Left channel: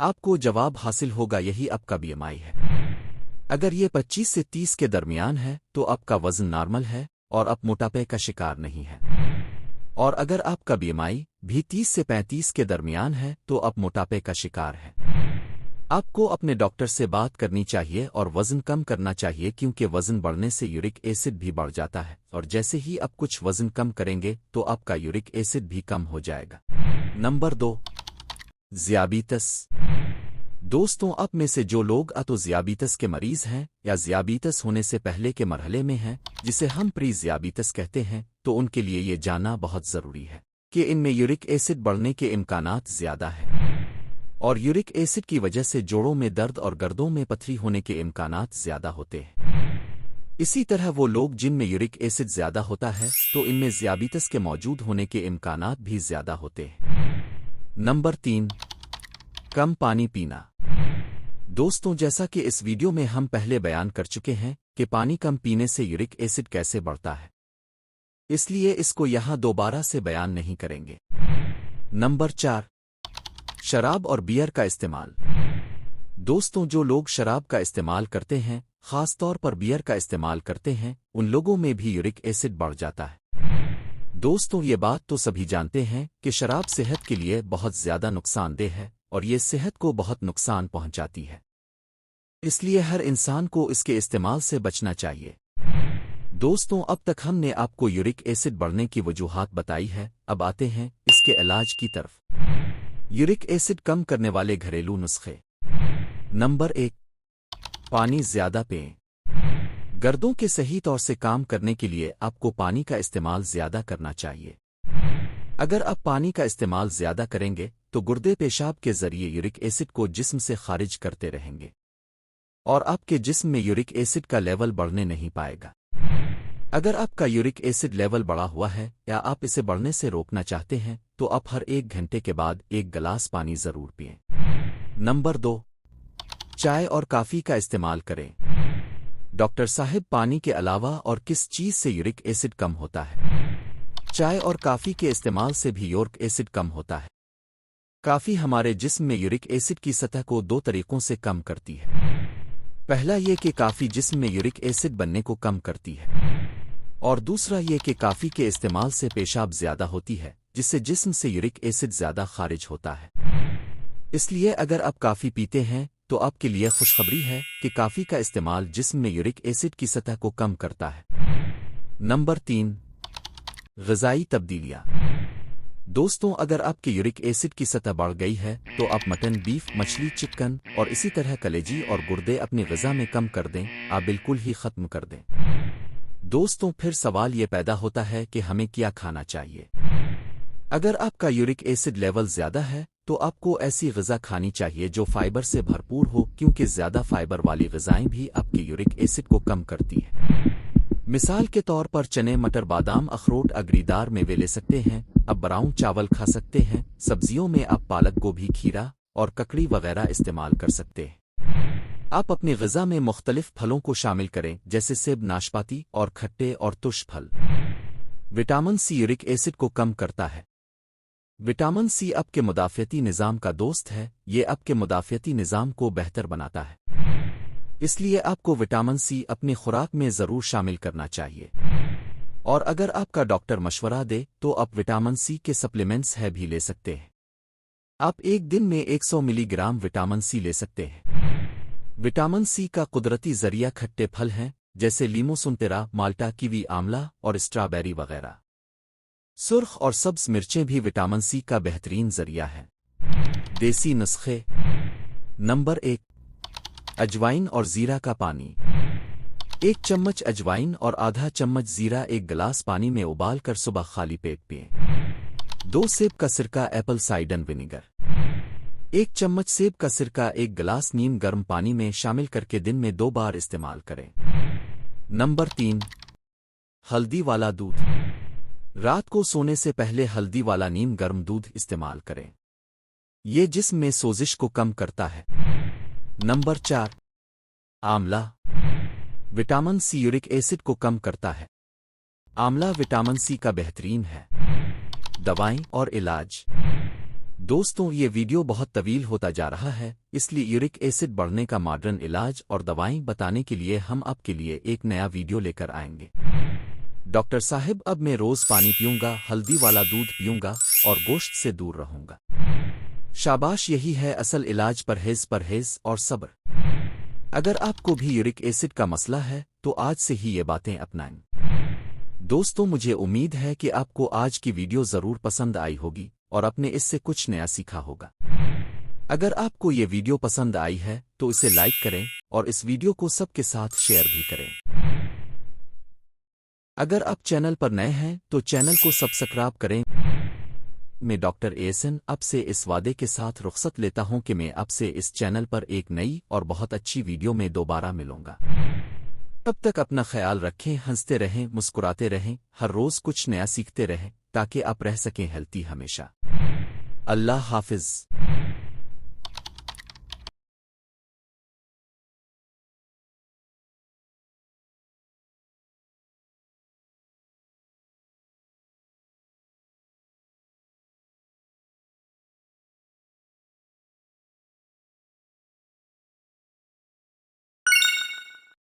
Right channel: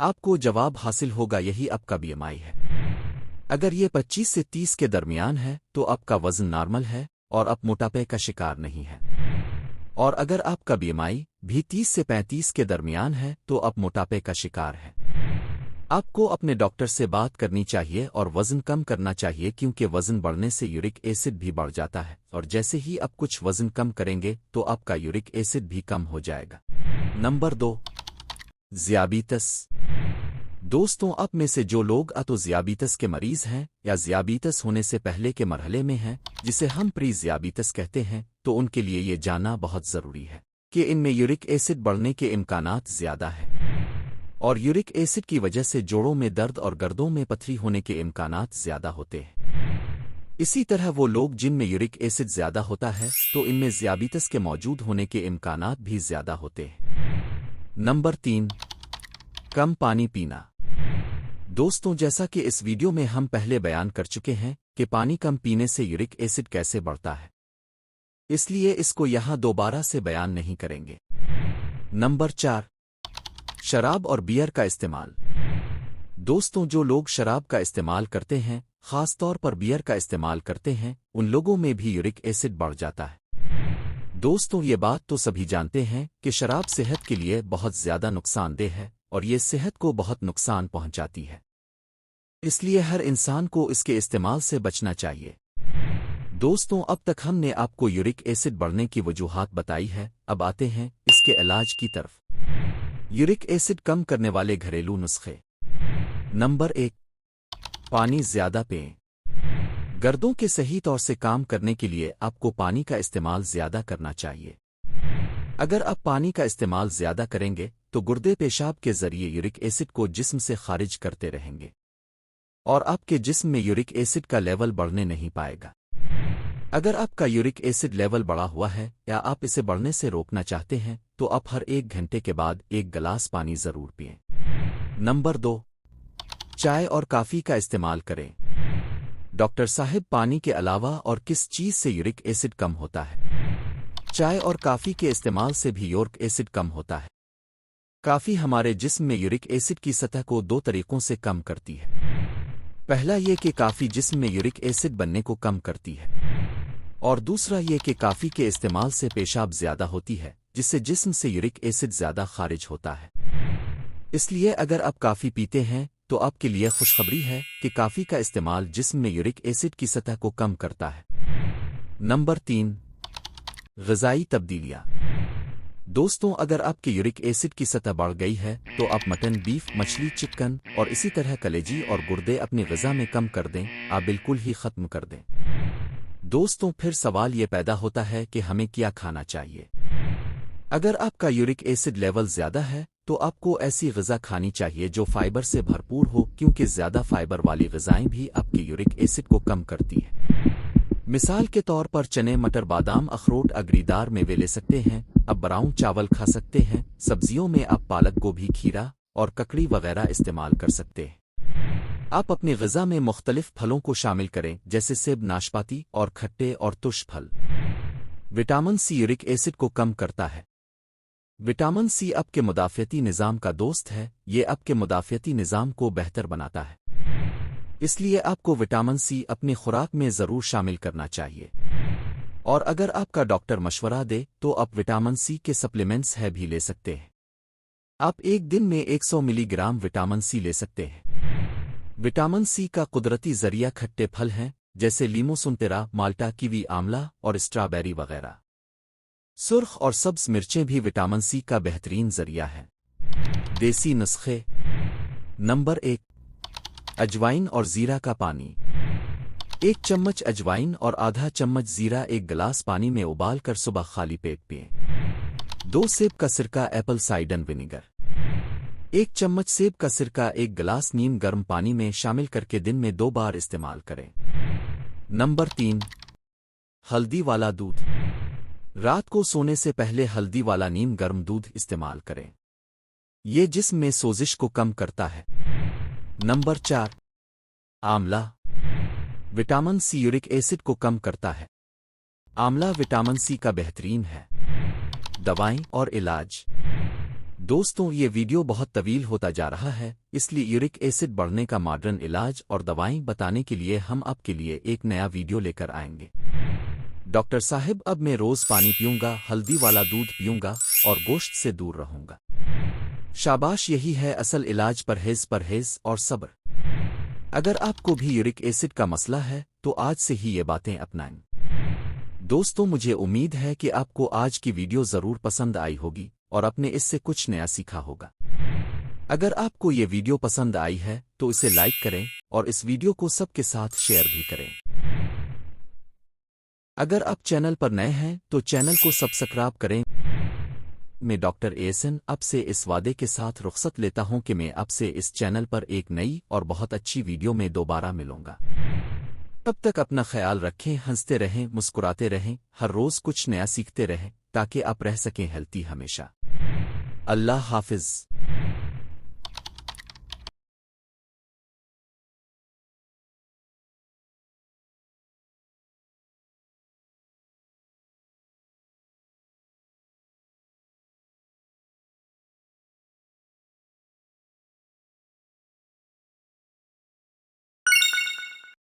آپ کو جواب حاصل ہوگا یہی آپ کا BMI ہے۔ اگر یہ 25 سے 30 کے درمیان ہے تو آپ کا وزن نارمل ہے اور آپ موٹاپے کا شکار نہیں ہے، اور اگر آپ کا BMI بھی 30 سے 35 کے درمیان ہے تو آپ موٹاپے کا شکار ہے۔ آپ کو اپنے ڈاکٹر سے بات کرنی چاہیے اور وزن کم کرنا چاہیے، کیونکہ وزن بڑھنے سے یورک ایسڈ بھی بڑھ جاتا ہے، اور جیسے ہی آپ کچھ وزن کم کریں گے تو آپ کا یورک ایسڈ بھی کم ہو جائے گا۔ نمبر 2، ذیابیطس۔ دوستوں، آپ میں سے جو لوگ تو ذیابیطس کے مریض ہیں یا ذیابیطس ہونے سے پہلے کے مرحلے میں ہیں، جسے ہم پری ذیابیطس کہتے ہیں، تو ان کے لیے یہ جاننا بہت ضروری ہے کہ ان میں یورک ایسڈ بڑھنے کے امکانات زیادہ ہیں، اور یورک ایسڈ کی وجہ سے جوڑوں میں درد اور گردوں میں پتھری ہونے کے امکانات زیادہ ہوتے ہیں۔ اسی طرح وہ لوگ جن میں یورک ایسڈ زیادہ ہوتا ہے تو ان میں ذیابیطس کے موجود ہونے کے امکانات بھی زیادہ ہوتے ہیں۔ نمبر 3، کم پانی پینا۔ دوستوں، جیسا کہ اس ویڈیو میں ہم پہلے بیان کر چکے ہیں کہ پانی کم پینے سے یورک ایسڈ کیسے بڑھتا ہے، اس لیے اس کو یہاں دوبارہ سے بیان نہیں کریں گے۔ نمبر 4، شراب اور بیئر کا استعمال۔ دوستوں، جو لوگ شراب کا استعمال کرتے ہیں، خاص طور پر بیئر کا استعمال کرتے ہیں، ان لوگوں میں بھی یورک ایسڈ بڑھ جاتا ہے۔ دوستوں، یہ بات تو سبھی جانتے ہیں کہ شراب صحت کے لیے بہت زیادہ نقصان دہ ہے، اور یہ صحت کو بہت نقصان پہنچاتی ہے، اس لیے ہر انسان کو اس کے استعمال سے بچنا چاہیے۔ دوستوں، اب تک ہم نے آپ کو یورک ایسڈ بڑھنے کی وجوہات بتائی ہے، اب آتے ہیں اس کے علاج کی طرف۔ یورک ایسڈ کم کرنے والے گھریلو نسخے۔ نمبر 1، پانی زیادہ پئیں۔ گردوں کے صحیح طور سے کام کرنے کے لیے آپ کو پانی کا استعمال زیادہ کرنا چاہیے۔ اگر آپ پانی کا استعمال زیادہ کریں گے تو گردے پیشاب کے ذریعے یورک ایسڈ کو جسم سے خارج کرتے رہیں گے، اور آپ کے جسم میں یورک ایسڈ کا لیول بڑھنے نہیں پائے گا۔ اگر آپ کا یورک ایسڈ لیول بڑھا ہوا ہے یا آپ اسے بڑھنے سے روکنا چاہتے ہیں تو آپ ہر 1 گھنٹے کے بعد 1 گلاس پانی ضرور پئیں۔ نمبر 2، چائے اور کافی کا استعمال کریں۔ ڈاکٹر صاحب، پانی کے علاوہ اور کس چیز سے یورک ایسڈ کم ہوتا ہے؟ چائے اور کافی کے استعمال سے بھی یورک ایسڈ کم ہوتا ہے۔ کافی ہمارے جسم میں یورک ایسڈ کی سطح کو 2 طریقوں سے کم کرتی ہے۔ پہلا یہ کہ کافی جسم میں یورک ایسڈ بننے کو کم کرتی ہے، اور دوسرا یہ کہ کافی کے استعمال سے پیشاب زیادہ ہوتی ہے، جس سے جسم سے یورک ایسڈ زیادہ خارج ہوتا ہے۔ اس لیے اگر آپ کافی پیتے ہیں تو آپ کے لیے خوشخبری ہے کہ کافی کا استعمال جسم میں یورک ایسڈ کی سطح کو کم کرتا ہے۔ نمبر 3، غذائی تبدیلیاں۔ دوستوں، اگر آپ کے یورک ایسڈ کی سطح بڑھ گئی ہے تو آپ مٹن، بیف، مچھلی، چکن اور اسی طرح کلیجی اور گردے اپنی غذا میں کم کر دیں، آپ بالکل ہی ختم کر دیں۔ دوستوں، پھر سوال یہ پیدا ہوتا ہے کہ ہمیں کیا کھانا چاہیے؟ اگر آپ کا یورک ایسڈ لیول زیادہ ہے تو آپ کو ایسی غذا کھانی چاہیے جو فائبر سے بھرپور ہو، کیونکہ زیادہ فائبر والی غذائیں بھی آپ کے یورک ایسڈ کو کم کرتی ہیں۔ مثال کے طور پر چنے، مٹر، بادام، اخروٹ، اگری دار میوے لے سکتے ہیں، آپ براؤن چاول کھا سکتے ہیں، سبزیوں میں آپ پالک، گوبھی، کھیرا اور ککڑی وغیرہ استعمال کر سکتے ہیں۔ آپ اپنی غذا میں مختلف پھلوں کو شامل کریں، جیسے سیب، ناشپاتی اور کھٹے اور ترش پھل۔ وٹامن سی یورک ایسڈ کو کم کرتا ہے۔ وٹامن سی آپ کے مدافعتی نظام کا دوست ہے، یہ آپ کے مدافعتی نظام کو بہتر بناتا ہے، اس لیے آپ کو وٹامن سی اپنی خوراک میں ضرور شامل کرنا چاہیے۔ اور اگر آپ کا ڈاکٹر مشورہ دے تو آپ وٹامن سی کے سپلیمنٹس بھی لے سکتے ہیں۔ آپ ایک دن میں 100 ملی گرام وٹامن سی لے سکتے ہیں۔ وٹامن سی کا قدرتی ذریعہ کھٹے پھل ہیں، جیسے لیمو، سنترا، مالٹا، کیوی، آملہ اور اسٹرابیری وغیرہ۔ سرخ اور سبز مرچیں بھی وٹامن سی کا بہترین ذریعہ ہیں۔ دیسی نسخے۔ نمبر 1، اجوائن اور زیرہ کا پانی۔ 1 چمچ اجوائن اور آدھا چمچ زیرہ 1 گلاس پانی میں ابال کر صبح خالی پیٹ پئیں۔ 2 سیب کا سرکہ، ایپل سائڈر ونیگر۔ 1 چمچ سیب کا سرکہ 1 گلاس نیم گرم پانی میں شامل کر کے دن میں 2 بار استعمال کریں۔ نمبر 3، ہلدی والا دودھ۔ رات کو سونے سے پہلے ہلدی والا نیم گرم دودھ استعمال کریں، یہ جسم میں سوزش کو کم کرتا ہے۔ نمبر 4، آملہ۔ وٹامن سی یورک ایسڈ کو کم کرتا ہے۔ آملہ وٹامن سی کا بہترین ہے۔ دوائیں اور علاج۔ دوستوں یہ ویڈیو بہت طویل ہوتا جا رہا ہے، اس لیے یورک ایسڈ بڑھنے کا ماڈرن علاج اور دوائیں بتانے کے لیے ہم آپ کے لیے ایک نیا ویڈیو لے کر آئیں گے۔ ڈاکٹر صاحب اب میں روز پانی پیوں گا، ہلدی والا دودھ پیوں گا اور گوشت سے دور رہوں گا۔ شاباش، یہی ہے اصل علاج، پرہیز اور صبر۔ اگر آپ کو بھی یورک ایسڈ کا مسئلہ ہے تو آج سے ہی یہ باتیں اپنائیں۔ دوستوں مجھے امید ہے کہ آپ کو آج کی ویڈیو ضرور پسند آئی ہوگی اور آپ نے اس سے کچھ نیا سیکھا ہوگا۔ اگر آپ کو یہ ویڈیو پسند آئی ہے تو اسے لائک کریں اور اس ویڈیو کو سب کے ساتھ شیئر بھی کریں۔ اگر آپ چینل پر نئے ہیں تو چینل کو سبسکرائب کریں۔ میں ڈاکٹر احسن اب سے اس وعدے کے ساتھ رخصت لیتا ہوں کہ میں اب سے اس چینل پر ایک نئی اور بہت اچھی ویڈیو میں دوبارہ ملوں گا۔ تب تک اپنا خیال رکھیں، ہنستے رہیں، مسکراتے رہیں، ہر روز کچھ نیا سیکھتے رہیں تاکہ آپ رہ سکیں ہیلتھی ہمیشہ۔ اللہ حافظ۔